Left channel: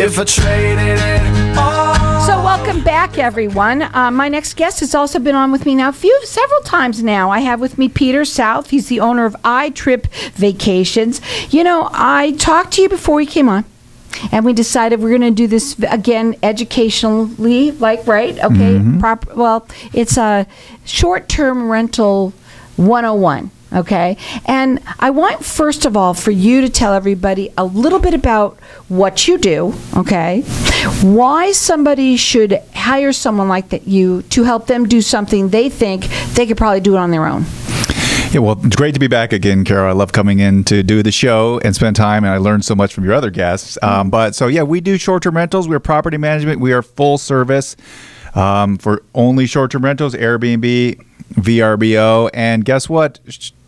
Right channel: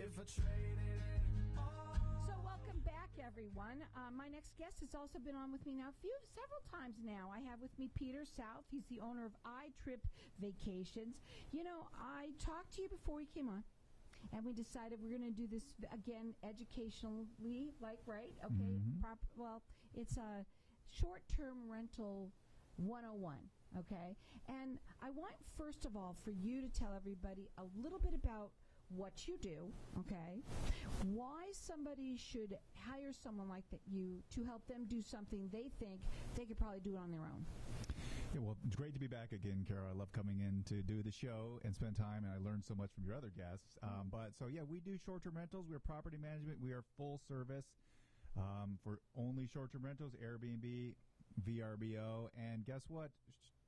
if I traded it all. So welcome back, everyone. My next guest has also been on with me now several times now. I have with me Peter South. He's the owner of iTrip Vacations. You know, I talked to you before we came on, and we decided we're going to do this again educationally, like, right? Okay. Well, it's a short-term rental 101. Okay. And I want, first of all, for you to tell everybody a little bit about what you do, okay? Why somebody should hire someone like that to help them do something they think they could probably do it on their own. Yeah, well, it's great to be back again, Carol. I love coming in to do the show and spend time, and I learned so much from your other guests. So yeah, we do short-term rentals. We're property management. We are full service for only short-term rentals, Airbnb, VRBO, and guess what?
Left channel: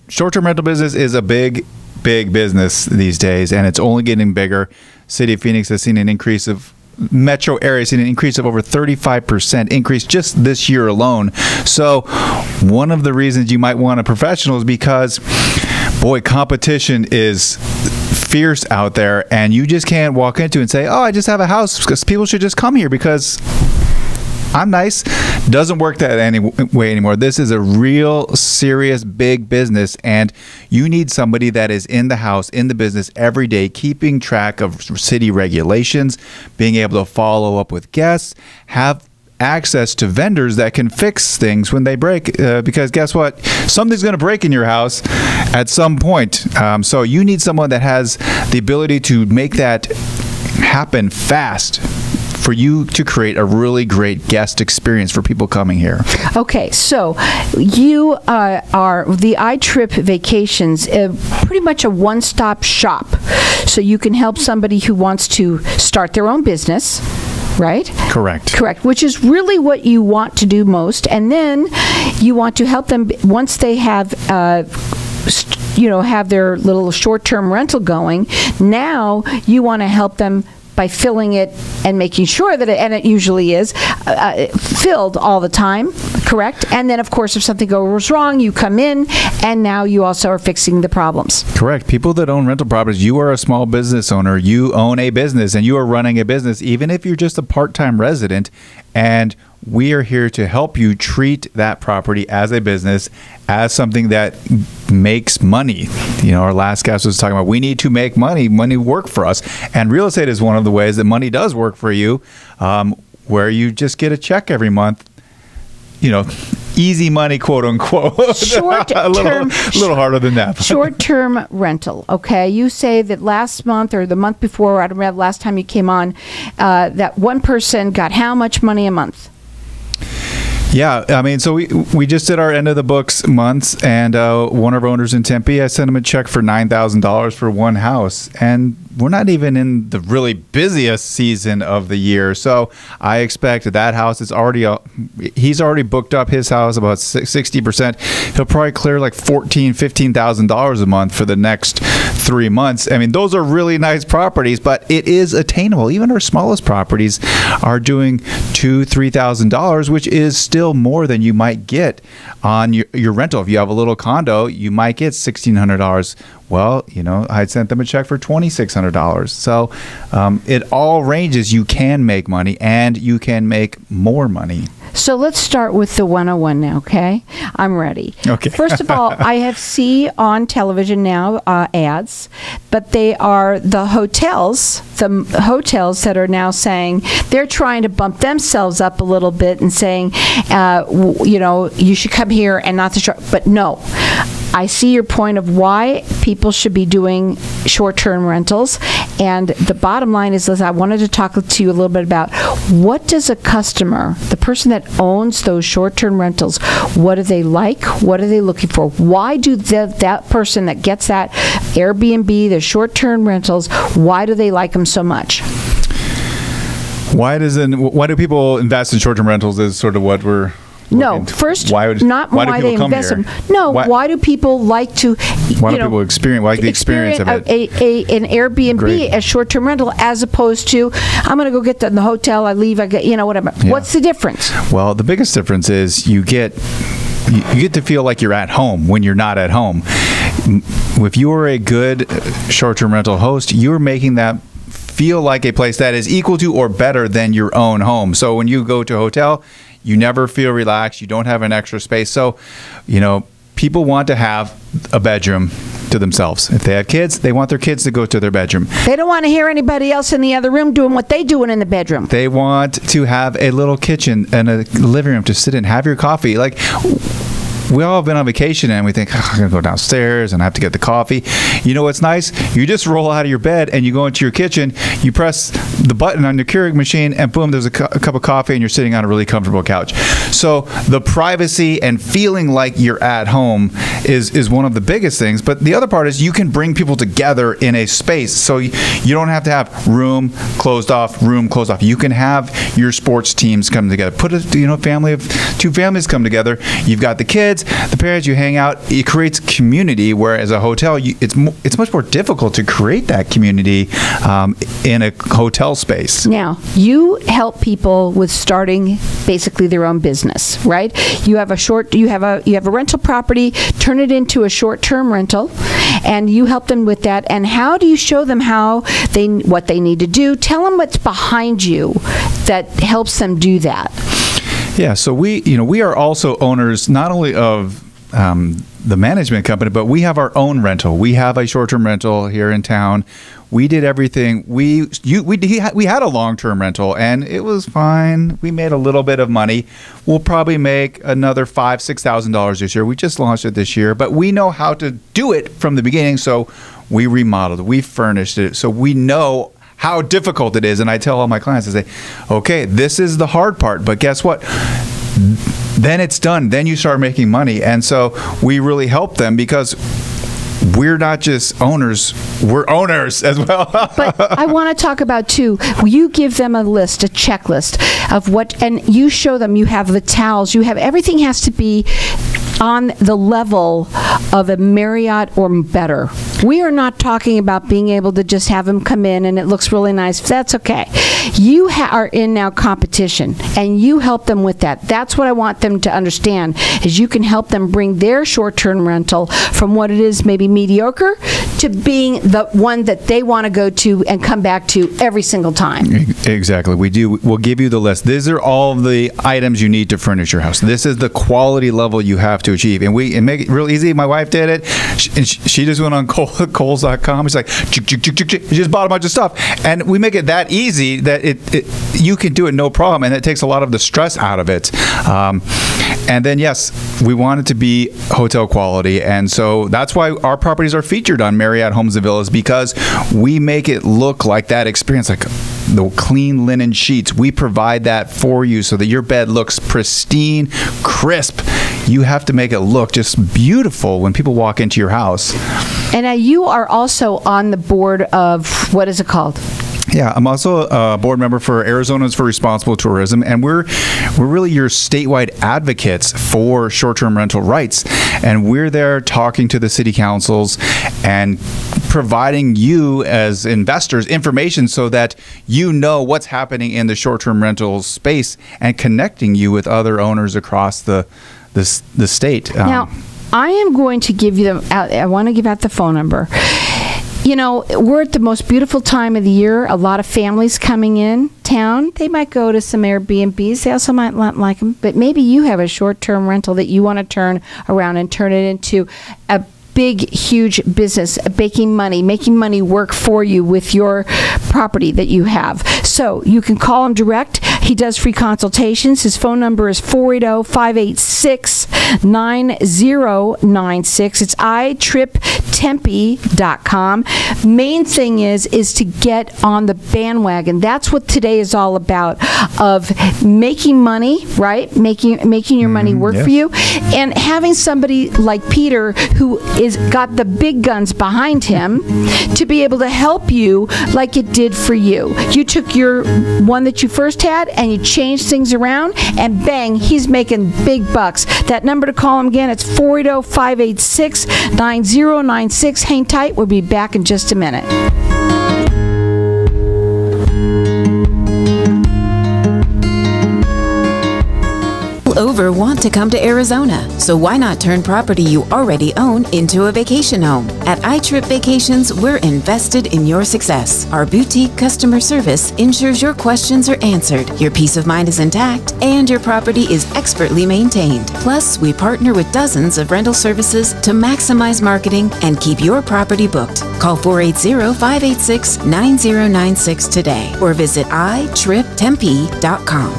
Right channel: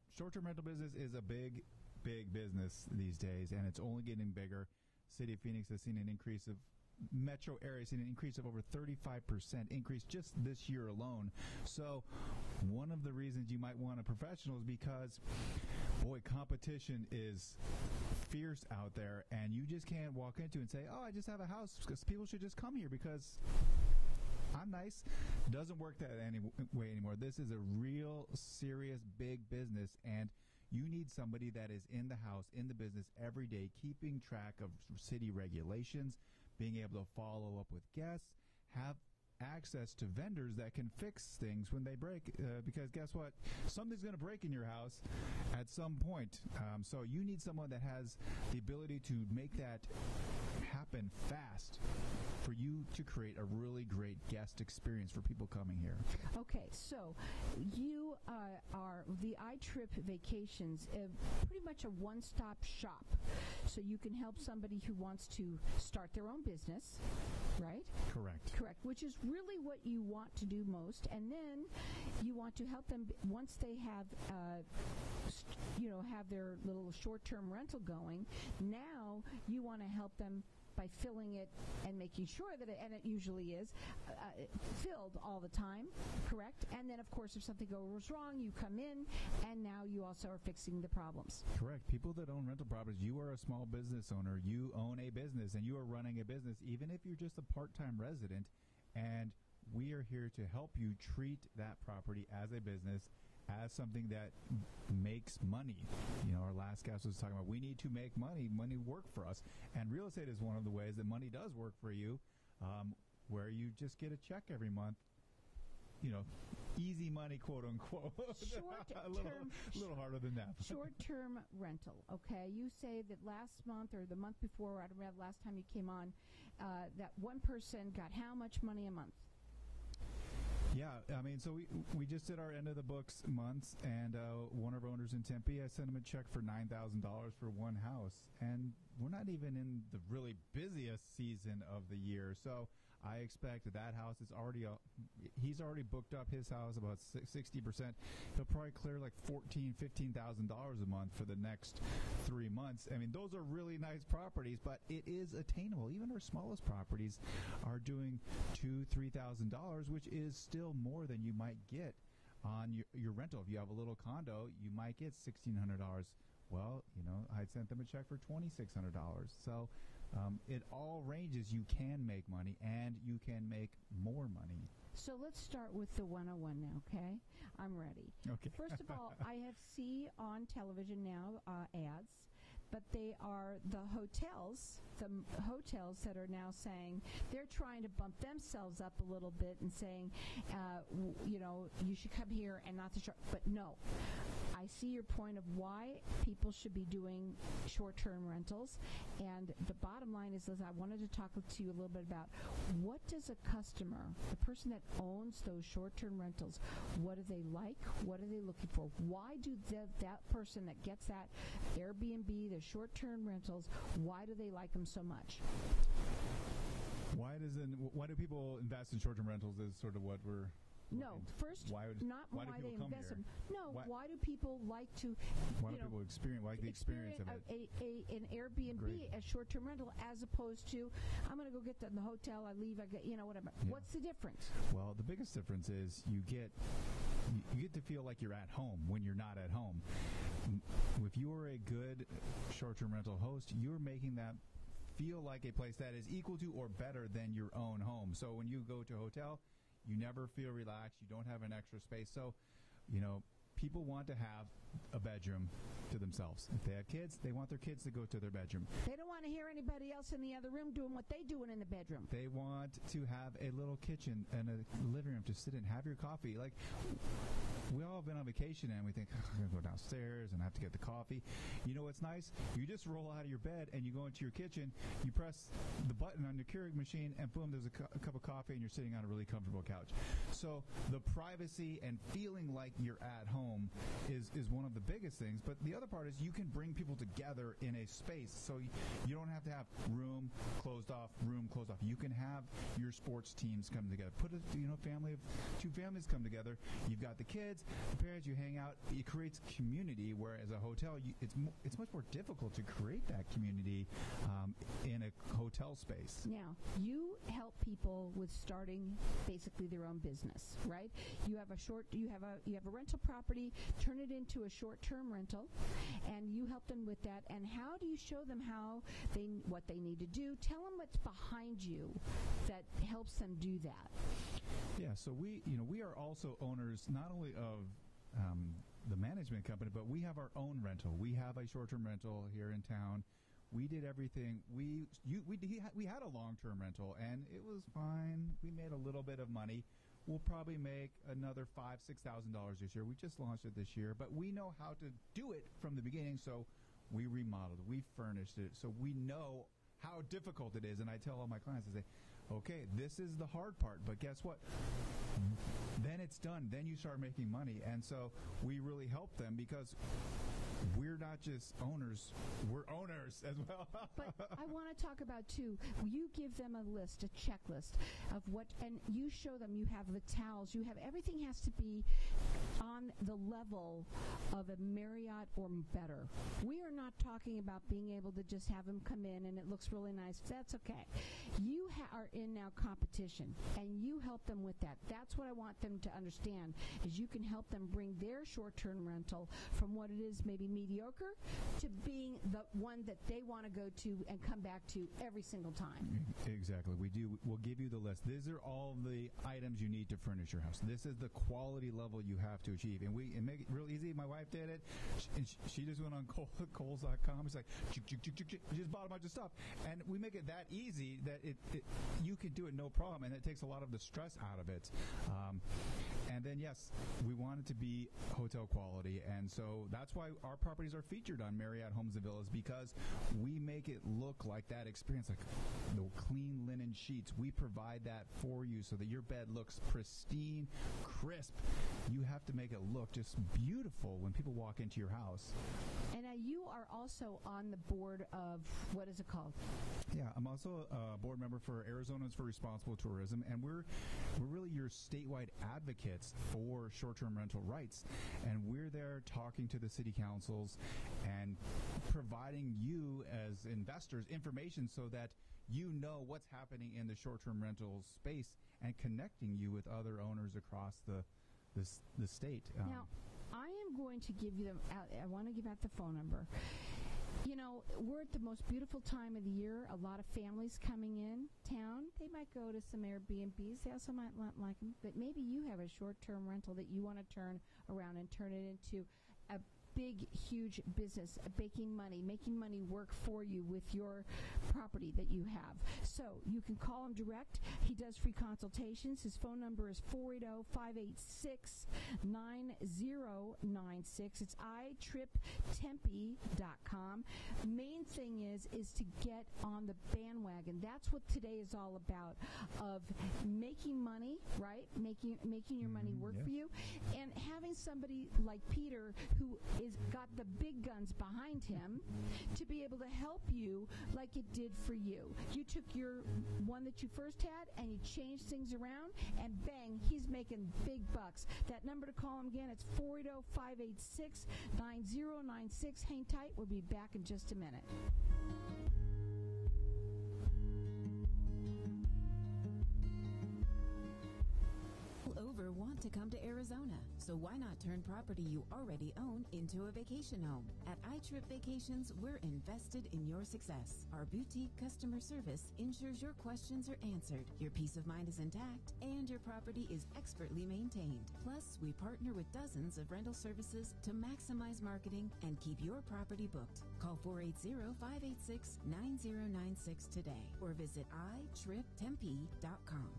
Short-term rental business is a big business these days, and it's only getting bigger. City of Phoenix has seen an increase of metro area has seen an increase of over 35% increase just this year alone. So one of the reasons you might want a professional is because, boy, competition is fierce out there, and you just can't walk into and say, oh, I just have a house because people should just come here because I'm nice. Doesn't work that way anymore. This is a real serious big business, and you need somebody that is in the house, in the business every day, keeping track of city regulations, being able to follow up with guests, have access to vendors that can fix things when they break, because guess what? Something's going to break in your house at some point. So you need someone that has the ability to make that happen fast, for you to create a really great guest experience for people coming here. Okay, so you are the iTrip Vacations, pretty much a one-stop shop. So you can help somebody who wants to start their own business, right? Correct. Correct, which is really what you want to do most. And then you want to help them once they have have their little short-term rental going. Now you want to help them by filling it and making sure that it usually is filled all the time, correct? And then, of course, if something goes wrong, you come in, and now you also are fixing the problems. Correct. People that own rental properties, you are a small business owner. You own a business, and you are running a business, even if you're just a part-time resident. And we are here to help you treat that property as a business, as something that makes money. You know, our last guest was talking about we need to make money work for us. And real estate is one of the ways that money does work for you, where you just get a check every month. You know, easy money, quote unquote. a little harder than that. Short-term rental. Okay, you say that last month or the month before, I don't remember last time you came on, that one person got how much money a month? Yeah, I mean, so we just did our end of the books months, and one of our owners in Tempe, I sent him a check for $9,000 for one house, and we're not even in the really busiest season of the year. So I expect that house is already he's already booked up his house about 60%. He'll probably clear like $14,000-$15,000 a month for the next 3 months. I mean, those are really nice properties, but it is attainable. Even our smallest properties are doing $2,000-$3,000, which is still more than you might get on your rental. If you have a little condo, you might get $1,600. Well, you know, I sent them a check for $2,600. So it all ranges. You can make money, and you can make more money. So let's start with the 101 now, okay? I'm ready. Okay. First of all, I see on television now ads, but they are the hotels that are now saying they're trying to bump themselves up a little bit and saying, you know, you should come here and not the short. But no, I see your point of why people should be doing short-term rentals. And the bottom line is, Liz, I wanted to talk to you a little bit about what does a customer, the person that owns those short-term rentals, what do they like? What are they looking for? Why do that person that gets that Airbnb, the short-term rentals, why do they like them so much? Why do people invest in short-term rentals is sort of what we're... No, first, why they invest them. No, why do people like to? Why do people experience the experience of it? An Airbnb, Great. a short-term rental, as opposed to I'm going to go get in the hotel. I leave. I get whatever. Yeah. What's the difference? Well, the biggest difference is you get to feel like you're at home when you're not at home. If you are a good short-term rental host, you're making that feel like a place that is equal to or better than your own home. So when you go to a hotel, you never feel relaxed. You don't have an extra space. So, people want to have a bedroom to themselves. If they have kids, they want their kids to go to their bedroom. They don't want to hear anybody else in the other room doing what they doing in the bedroom. They want to have a little kitchen and a living room to sit in, have your coffee. Like, we all have been on vacation and we think, I'm going to go downstairs and I have to get the coffee. You know what's nice? You just roll out of your bed and you go into your kitchen, you press the button on your Keurig machine, and boom, there's a cup of coffee and you're sitting on a really comfortable couch. So the privacy and feeling like you're at home is one of the biggest things. But the other part is you can bring people together in a space. So you don't have to have room closed off. You can have your sports teams come together. Put a family of 2 families come together. You've got the kids, the parents, you hang out. It creates community, whereas a hotel, it's much more difficult to create that community in a hotel space. Now, you help people with starting basically their own business, right? You have a rental property, turn it into a short-term rental, and you help them with that. And how do you show them what they need to do? Tell them what's behind you that helps them do that. Yeah, so we are also owners not only of the management company, but we have our own rental. We have a short-term rental here in town. We did everything. We had a long-term rental, and it was fine. We made a little bit of money. We'll probably make another $5,000-$6,000 this year. We just launched it this year, but we know how to do it from the beginning. So we remodeled, we furnished it, so we know how difficult it is. And I tell all my clients, I say, okay, this is the hard part, but guess what? Then it's done. Then you start making money. And so we really help them because we're not just owners, we're owners as well. But I want to talk about, too, you give them a list, a checklist of what, and you show them, you have the towels, you have, everything has to be on the level of a Marriott or better. We are not talking about being able to just have them come in and it looks really nice. That's okay. You are in now competition, and you help them with that. That's what I want them to understand, is you can help them bring their short-term rental from what it is maybe mediocre to being the one that they want to go to and come back to every single time. Exactly. We'll give you the list. These are all the items you need to furnish your house. This is the quality level you have to achieve. And we make it real easy. My wife did it. She just went on Kohl's.com. She's like, she just bought a bunch of stuff. And we make it that easy that you can do it no problem. And it takes a lot of the stress out of it. And then, yes, we want it to be hotel quality. And so that's why our properties are featured on Marriott Homes and Villas, because we make it look like that experience, like the clean linen sheets. We provide that for you so that your bed looks pristine, crisp. You have to make it look just beautiful when people walk into your house. And you are also on the board of, what is it called? Yeah, I'm also a board member for Arizonans for Responsible Tourism, and we're really your statewide advocates for short-term rental rights. And we're there talking to the city councils and providing you as investors information so that you know what's happening in the short-term rental space and connecting you with other owners across the state. Now, I am going to give you I want to give out the phone number. You know, we're at the most beautiful time of the year. A lot of families coming in town. They might go to some Airbnbs. They also might not like them. But maybe you have a short-term rental that you want to turn around and turn it into a big, huge business, making money work for you with your property that you have. So you can call him direct. He does free consultations. His phone number is 480-586-9096. It's iTripTempe.com. Main thing is to get on the bandwagon. That's what today is all about, of making money, right? Making your money work for you, and having somebody like Peter who is got the big guns behind him to be able to help you like it did for you. You took your one that you first had and you changed things around, and bang, he's making big bucks. That number to call him again, it's 480-586-9096. Hang tight. We'll be back in just a minute. over want to come to Arizona, so why not turn property you already own into a vacation home? At iTrip Vacations, we're invested in your success. Our boutique customer service ensures your questions are answered, your peace of mind is intact, and your property is expertly maintained. Plus, we partner with dozens of rental services to maximize marketing and keep your property booked. Call 480-586-9096 today or visit iTripTempe.com.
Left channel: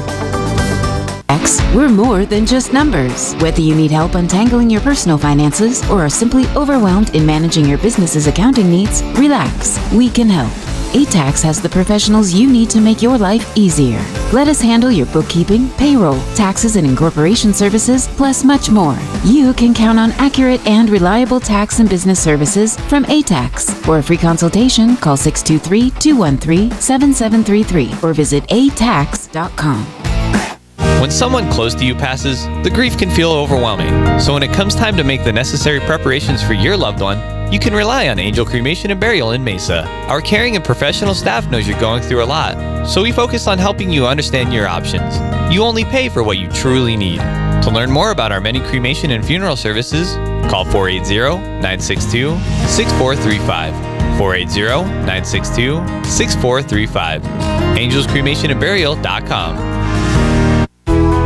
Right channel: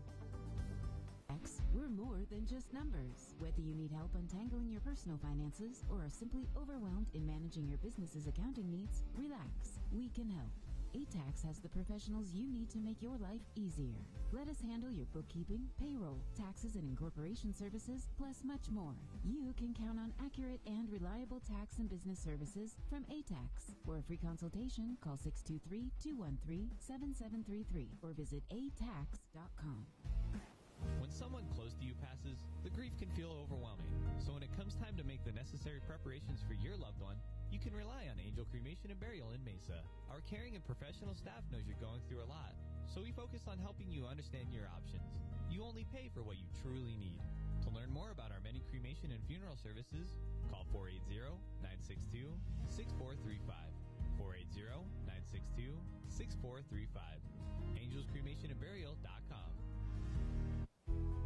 We're more than just numbers. Whether you need help untangling your personal finances or are simply overwhelmed in managing your business's accounting needs, relax. We can help. ATAX has the professionals you need to make your life easier. Let us handle your bookkeeping, payroll, taxes and incorporation services, plus much more. You can count on accurate and reliable tax and business services from ATAX. For a free consultation, call 623-213-7733 or visit atax.com. When someone close to you passes, the grief can feel overwhelming. So when it comes time to make the necessary preparations for your loved one, you can rely on Angel Cremation and Burial in Mesa. Our caring and professional staff knows you're going through a lot, so we focus on helping you understand your options. You only pay for what you truly need. To learn more about our many cremation and funeral services, call 480-962-6435. 480-962-6435. AngelsCremationandBurial.com.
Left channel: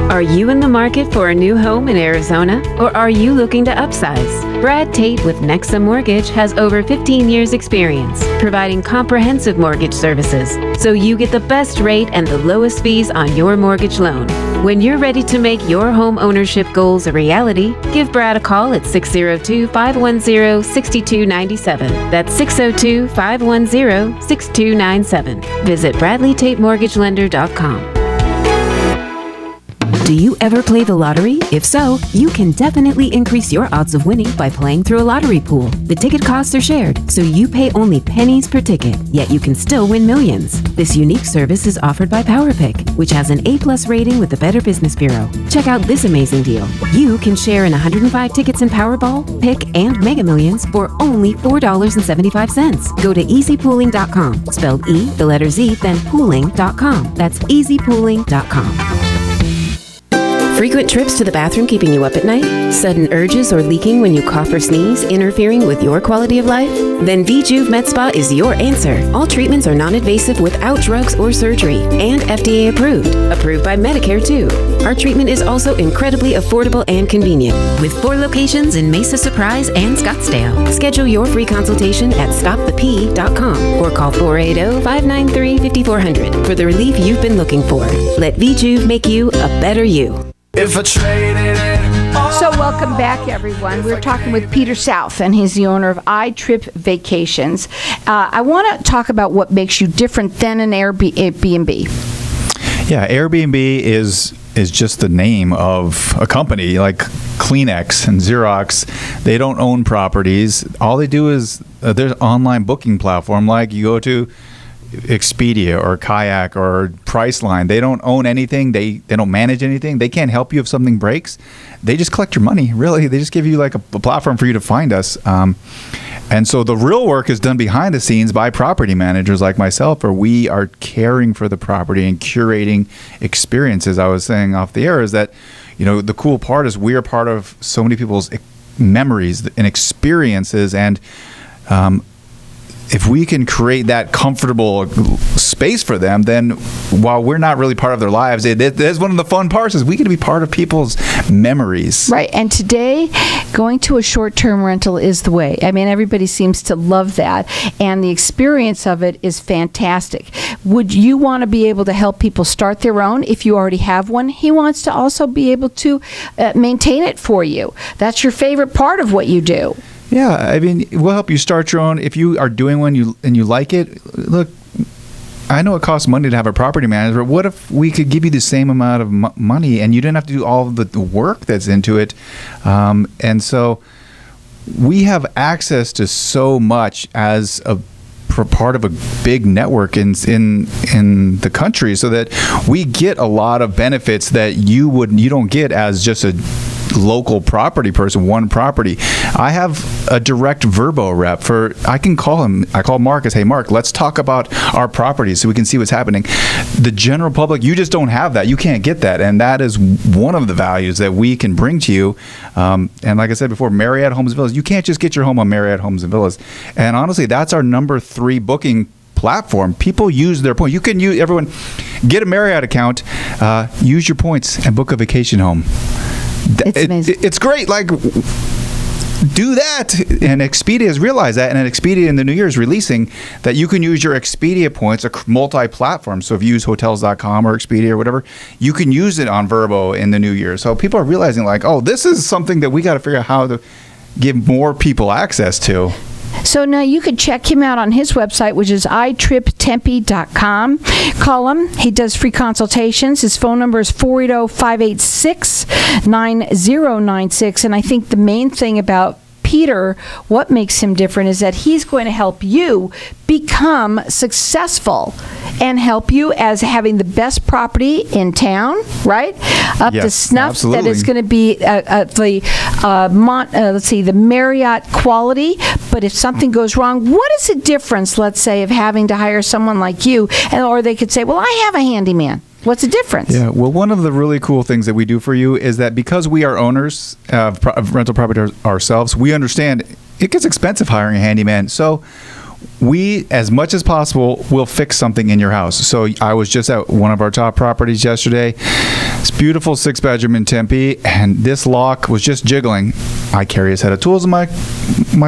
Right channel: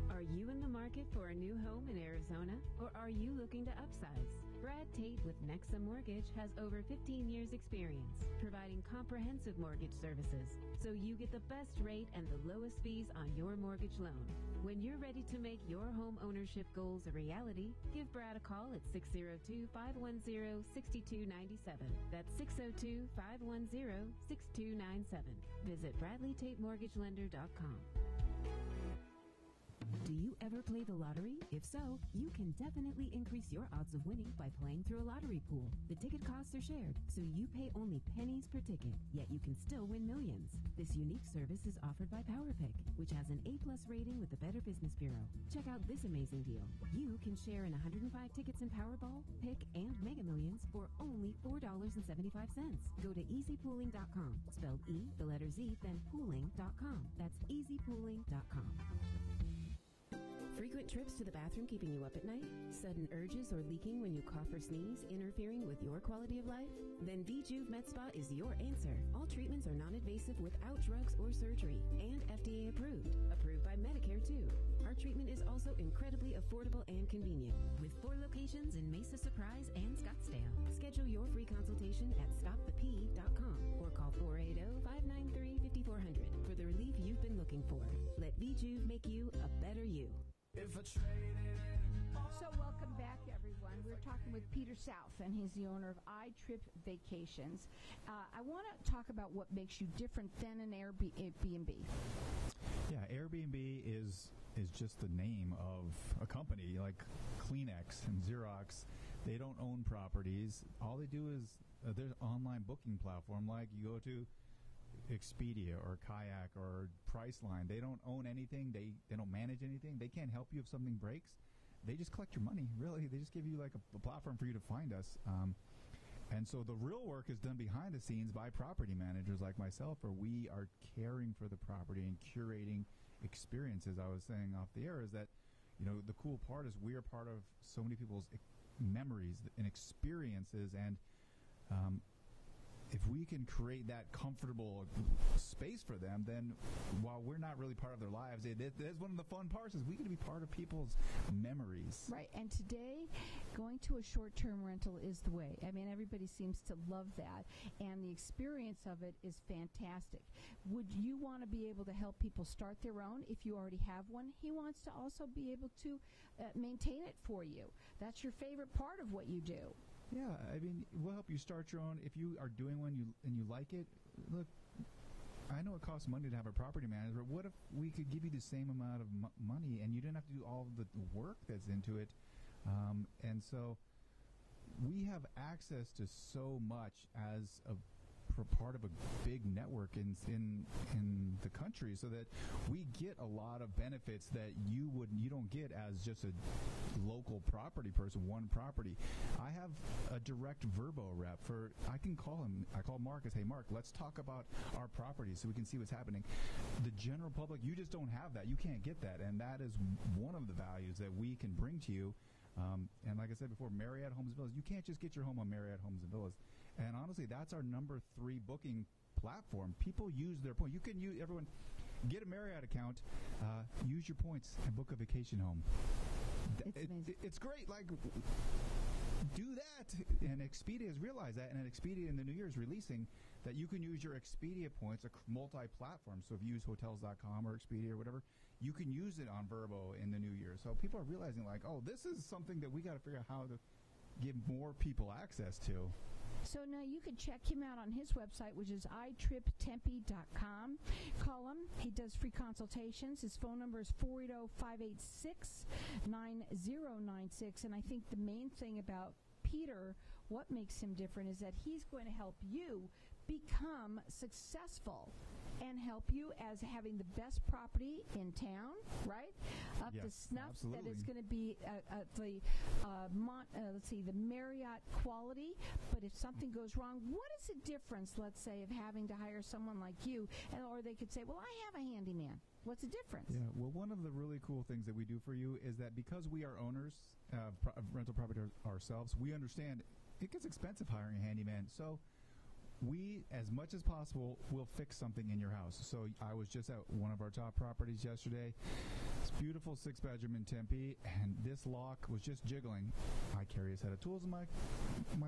Are you in the market for a new home in Arizona, or are you looking to upsize? Brad Tate with Nexa Mortgage has over 15 years experience providing comprehensive mortgage services, so you get the best rate and the lowest fees on your mortgage loan. When you're ready to make your home ownership goals a reality, give Brad a call at 602-510-6297. That's 602-510-6297. Visit BradleyTateMortgageLender.com. Do you ever play the lottery? If so, you can definitely increase your odds of winning by playing through a lottery pool. The ticket costs are shared, so you pay only pennies per ticket, yet you can still win millions. This unique service is offered by PowerPick, which has an A+ rating with the Better Business Bureau. Check out this amazing deal. You can share in 105 tickets in Powerball, Pick, and Mega Millions for only $4.75. Go to easypooling.com, spelled E, the letter Z, then pooling.com. That's easypooling.com. Frequent trips to the bathroom keeping you up at night? Sudden urges or leaking when you cough or sneeze interfering with your quality of life? Then VJuve Med Spa is your answer. All treatments are non-invasive without drugs or surgery and FDA approved. Approved by Medicare too. Our treatment is also incredibly affordable and convenient with 4 locations in Mesa, Surprise, and Scottsdale. Schedule your free consultation at stopthep.com or call 480-593-5400 for the relief you've been looking for. Let VJuve make you a better you. If I traded it all. So welcome back, everyone. We're talking with Peter South, and he's the owner of iTrip Vacations. I want to talk about what makes you different than an Airbnb. Yeah, Airbnb is just the name of a company like Kleenex and Xerox. They don't own properties. All they do is there's an online booking platform like you go to Expedia or Kayak or Priceline. They don't own anything. They don't manage anything. They can't help you if something breaks. They just collect your money. Really, they just give you like a platform for you to find us. And so the real work is done behind the scenes by property managers like myself, where we are caring for the property and curating experiences. I was saying off the air is that, you know, the cool part is we are part of so many people's memories and experiences, and if we can create that comfortable space for them, then while we're not really part of their lives, that's one of the fun parts is we get to be part of people's memories. Right. And today, going to a short-term rental is the way. I mean, everybody seems to love that, and the experience of it is fantastic. Would you want to be able to help people start their own if you already have one? He wants to also be able to maintain it for you. That's your favorite part of what you do. Yeah, I mean, we'll help you start your own. If you are doing one and you like it, look, I know it costs money to have a property manager. What if we could give you the same amount of money and you didn't have to do all the work that's into it? And so we have access to so much as a part of a big network in the country, so that we get a lot of benefits that you don't get as just a local property person, one property. I have a direct Verbo rep for, I can call him, I call Mark and say, hey Mark, let's talk about our properties so we can see what's happening. The general public, you just don't have that. You can't get that. And that is one of the values that we can bring to you. And like I said before, Marriott Homes and Villas, you can't just get your home on Marriott Homes and Villas. And honestly, that's our number 3 booking platform. People use their points. You can use, everyone, get a Marriott account, use your points and book a vacation home. It's amazing. It's great. Like, do that. And Expedia has realized that. And Expedia in the new year is releasing that you can use your Expedia points, a multi-platform. So if you use hotels.com or Expedia or whatever, you can use it on Verbo in the new year. So people are realizing like, oh, this is something that we got to figure out how to give more people access to. So now you could check him out on his website, which is iTripTempe.com. Call him. He does free consultations. His phone number is 480-586-9096. And I think the main thing about Peter, what makes him different is that he's going to help you become successful and help you as having the best property in town, right? Up to snuff. Absolutely. That is going to be the Marriott quality. But if something goes wrong, what is the difference, let's say, of having to hire someone like you? Or they could say, well, I have a handyman. What's the difference? Yeah, well, one of the really cool things that we do for you is that because we are owners of rental property ourselves, we understand it gets expensive hiring a handyman. So we, as much as possible, will fix something in your house. So I was just at one of our top properties yesterday. It's beautiful 6-bedroom in Tempe, and this lock was just jiggling. I carry a set of tools in my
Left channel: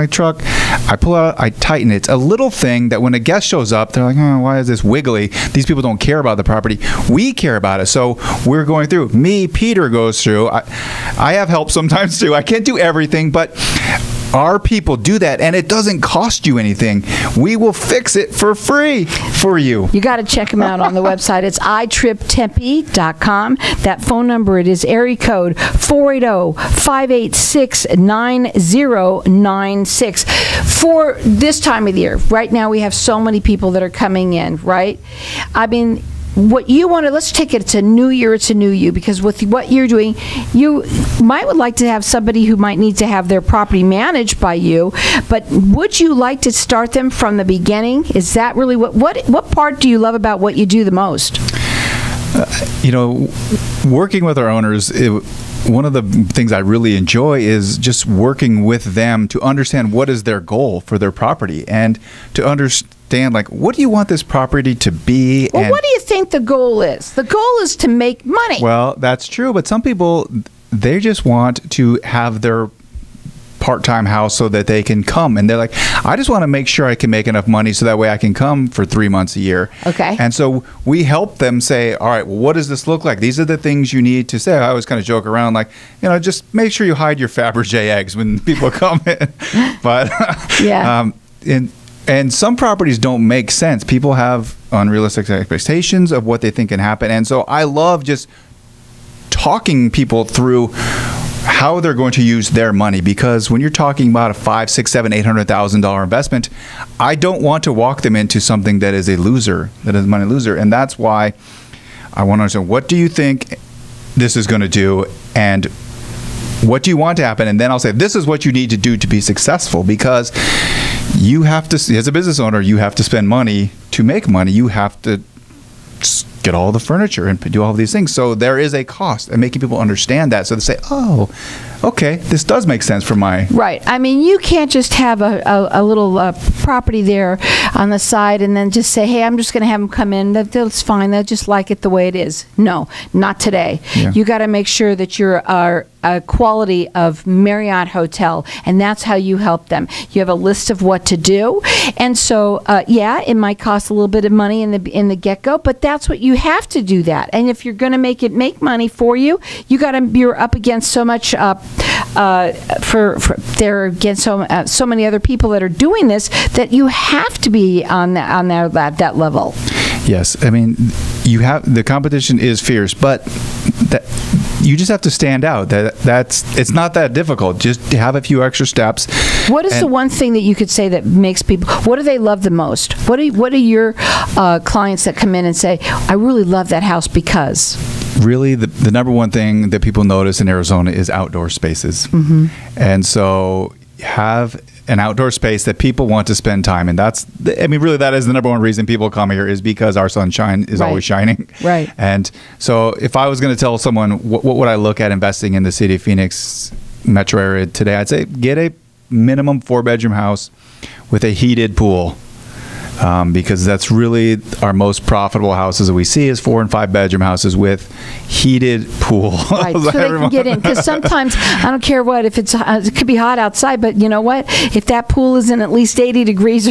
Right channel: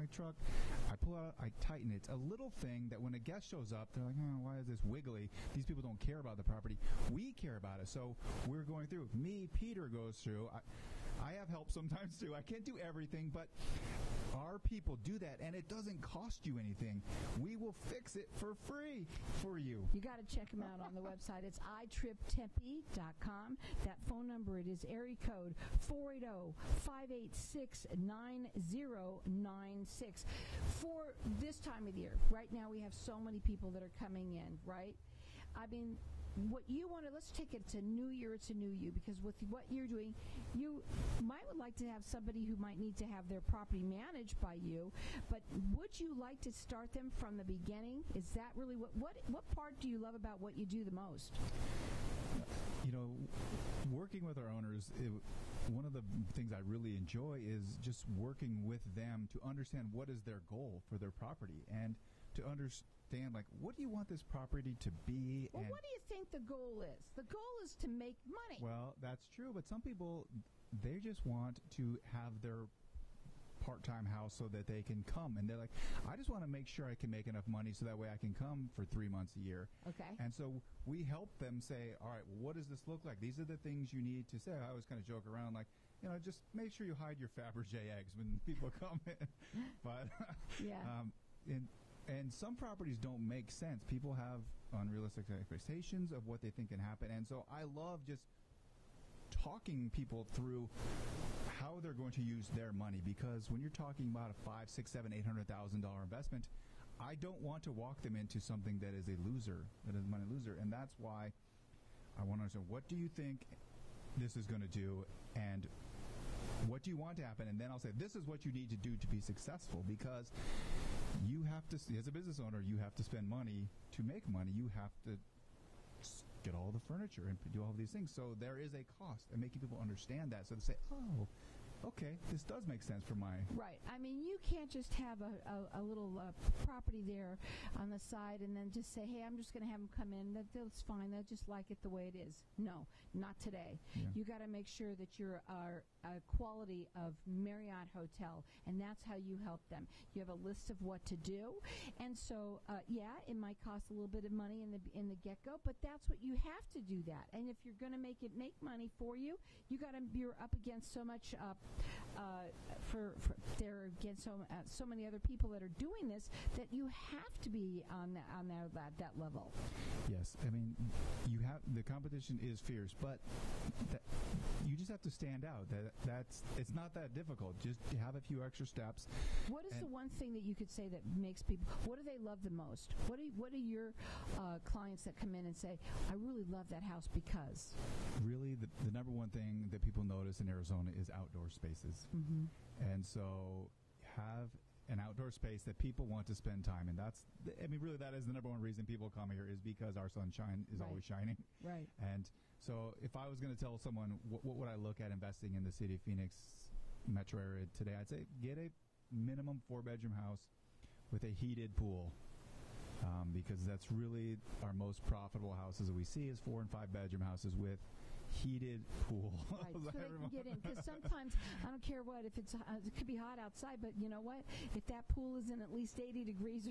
truck. I pull out, I tighten it. It's a little thing that when a guest shows up, they're like, oh, why is this wiggly? These people don't care about the property. We care about it. So we're going through. Peter goes through. I have help sometimes too. I can't do everything, but our people do that, and it doesn't cost you anything. We will fix it for free for you. You got to check them out on the website. It's iTripTempe.com. That phone number, it is area code 480-586-9096. For this time of the year, right now we have so many people that are coming in, right? I mean, what you want to, let's take it, it's a new year, it's a new you, because with what you're doing, you might would like to have somebody who might need to have their property managed by you, but would you like to start them from the beginning? Is that really what part do you love about what you do the most? Working with our owners, one of the things I really enjoy is just working with them to understand what is their goal for their property and to understand, like, what do you want this property to be? Well, what do you think the goal is? The goal is to make money. Well, that's true, but some people, they just want to have their part-time house so that they can come, and they're like, I just want to make sure I can make enough money so that way I can come for 3 months a year. Okay. And so we help them say, all right, well, what does this look like? These are the things you need to say. I always kind of joke around like, just make sure you hide your Fabergé eggs when people come in. But yeah. And some properties don't make sense. People have unrealistic expectations of what they think can happen. And so I love just talking people through how they're going to use their money, because when you're talking about a $500,000, $600,000, $700,000, $800,000 investment, I don't want to walk them into something that is a loser, that is a money loser. And that's why I want to understand, what do you think this is going to do, and what do you want to happen? And then I'll say, this is what you need to do to be successful, because you have to, as a business owner, you have to spend money to make money. You have to get all the furniture and do all of these things. So there is a cost, and making people understand that, so they say, oh, okay, this does make sense for my... Right. I mean, you can't just have a little property there on the side and then just say, hey, I'm just going to have them come in. That's fine. They'll just like it the way it is. No, not today. Yeah. You got to make sure that you're a quality of Marriott hotel, and that's how you help them. You have a list of what to do, and so yeah, it might cost a little bit of money in the get-go, but that's what you have to do that. And if you're going to make money for you, you're up against so much they're against so many other people that are doing this, that you have to be on that level. Yes, I mean, the competition is fierce, but you just have to stand out. It's not that difficult. Just have a few extra steps. What is the one thing that you could say that makes people? What do they love the most? What are your clients that come in and say, I really love that house because? really the number one thing that people notice in Arizona is outdoor spaces. And so have an outdoor space that people want to spend time in. That is the number one reason people come here, is because our sunshine is always shining. Right. And so if I was going to tell someone what would I look at investing in the city of Phoenix metro area today, I'd say get a minimum 4-bedroom house with a heated pool. Because that's really our most profitable houses that we see is 4 and 5 bedroom houses with heated pool. Right, so they can get in. Because sometimes, I don't care what, if it could be hot outside, but you know what? If that pool isn't at least 80 degrees,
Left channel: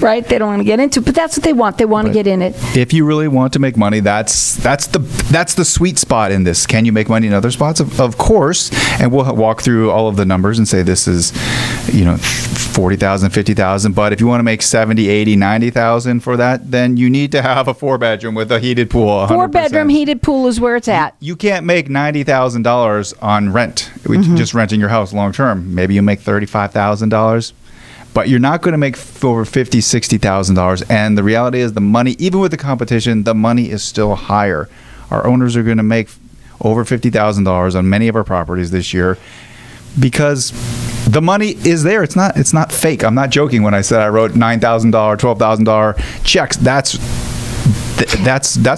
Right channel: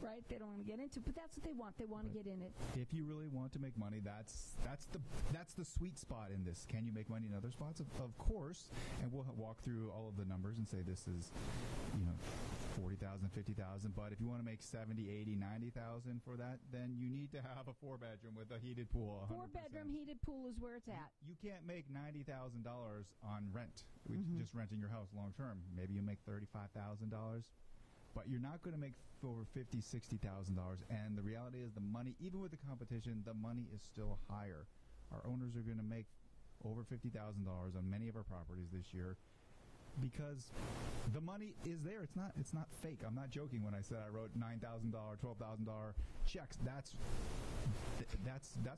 right, they don't want to get into it. But that's what they want. They want to get in it. If you really want to make money, that's the sweet spot in this. Can you make money in other spots? Of course. And we'll walk through all of the numbers and say this is, $40,000, $50,000. But if you want to make 70, 80, 90,000 for that, then you need to have a 4-bedroom with a heated pool. 100%. 4-bedroom heated pool is where it's at. You can't make $90,000 on rent, just renting your house long term. Maybe you make $35,000, but you're not going to make over $50,000, $60,000. And the reality is, the money, even with the competition, the money is still higher. Our owners are going to make over $50,000 on many of our properties this year, because the money is there. It's not fake. I'm not joking when I said I wrote $9,000, $12,000 checks. That's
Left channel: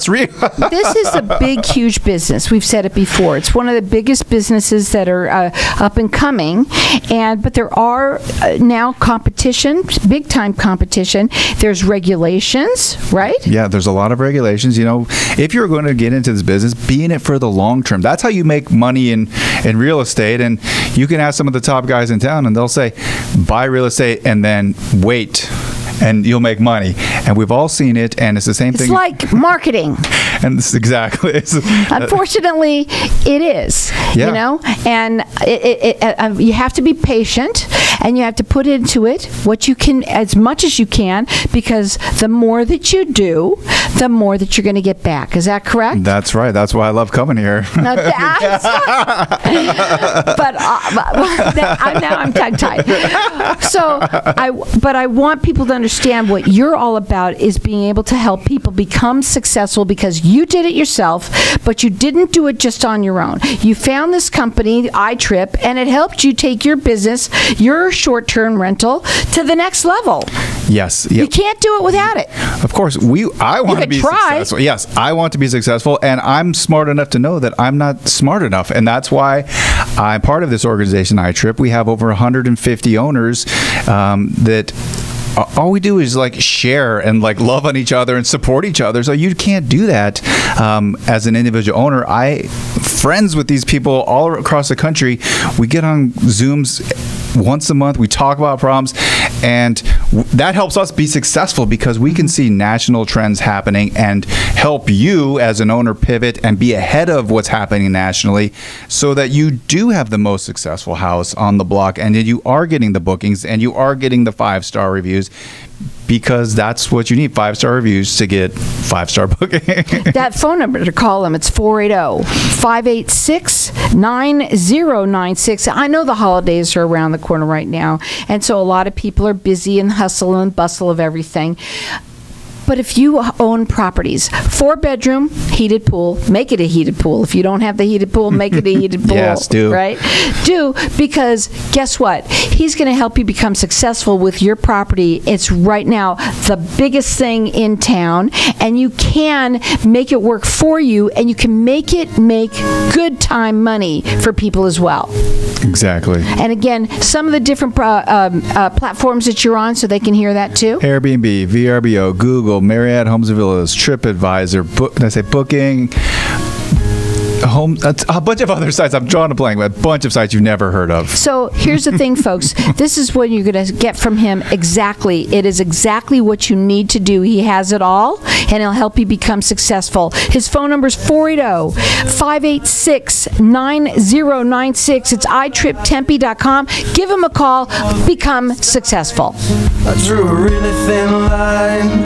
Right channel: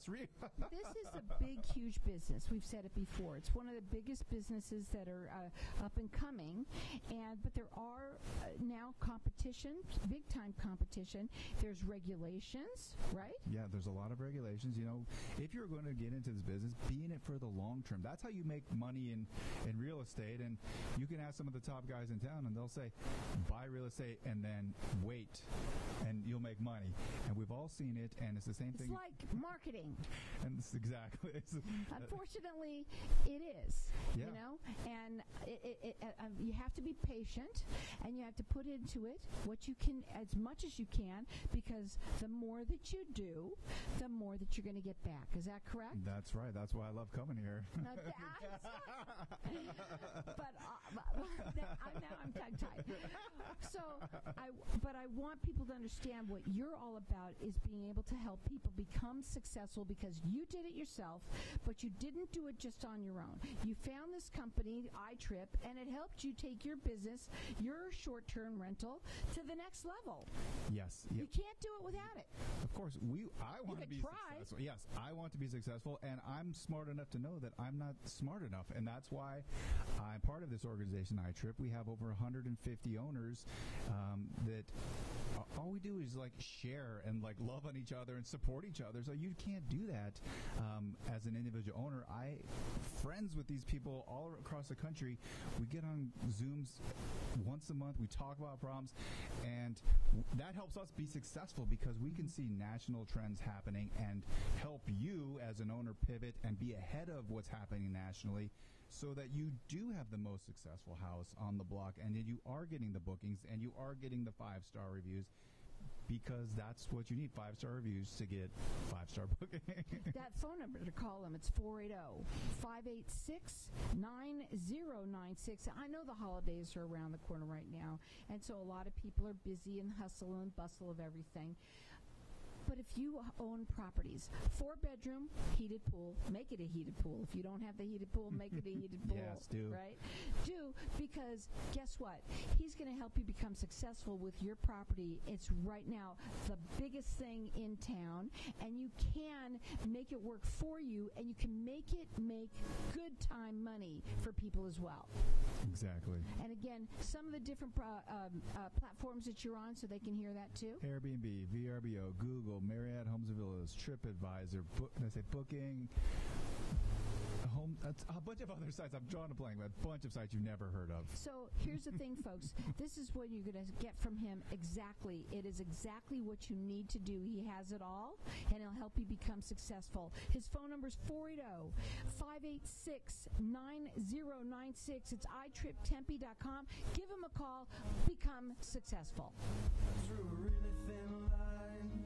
real. This is a big, huge business. We've said it before. It's one of the biggest businesses that are up and coming. But there are now competition, big time competition. There's regulations, right? Yeah, there's a lot of regulations. If you're going to get into this business, be in it for the long term. That's how you make money in real estate. And you can ask some of the top guys in town, and they'll say, buy real estate and then wait, and you'll make money. And we've all seen it, and it's the same thing. It's like marketing. And this, exactly. Unfortunately, it is. Yeah. And you have to be patient, and you have to put into it what you can, as much as you can, because the more that you do, the more that you're going to get back. Is that correct? That's right. That's why I love coming here. Now, I'm tongue-tied. But I want people to understand what you're all about is being able to help people become successful, because you did it yourself, but you didn't do it just on your own. You found this company, iTrip, and it helped you take your business, your short-term rental, to the next level. Yes. Yep. You can't do it without it. Of course. I want to be successful. Yes, I want to be successful, and I'm smart enough to know that I'm not smart enough, and that's why I'm part of this organization, iTrip. We have over 150 owners that all we do is share and love on each other and support each other. So you can't do that as an individual owner. Friends with these people all across the country. We get on Zooms once a month. We talk about problems, and that helps us be successful, because we can see national trends happening and help you as an owner pivot and be ahead of what's happening nationally, so that you do have the most successful house on the block, and you are getting the bookings and you are getting the 5-star reviews, because that's what you need, 5-star reviews to get 5-star booking. That phone number to call them, it's 480-586-9096. I know the holidays are around the corner right now, and so a lot of people are busy in the hustle and bustle of everything. But if you own properties, 4-bedroom, heated pool, make it a heated pool. If you don't have the heated pool, make it a heated pool. Yes, do. Right? Do, because guess what? He's going to help you become successful with your property. It's right now the biggest thing in town, and you can make it work for you, and you can make good time money for people as well. Exactly. And again, some of the different platforms that you're on, so they can hear that too. Airbnb, VRBO, Google, Marriott, Homes and Villas, TripAdvisor, Booking, Home, a bunch of other sites. I'm drawing a blank, but a bunch of sites you've never heard of. So here's the thing, folks. This is what you're going to get from him exactly. It is exactly what you need to do. He has it all, and he'll help you become successful. His phone number is 480-586-9096. It's iTripTempe.com. Give him a call. Become successful. I drew a really thin line.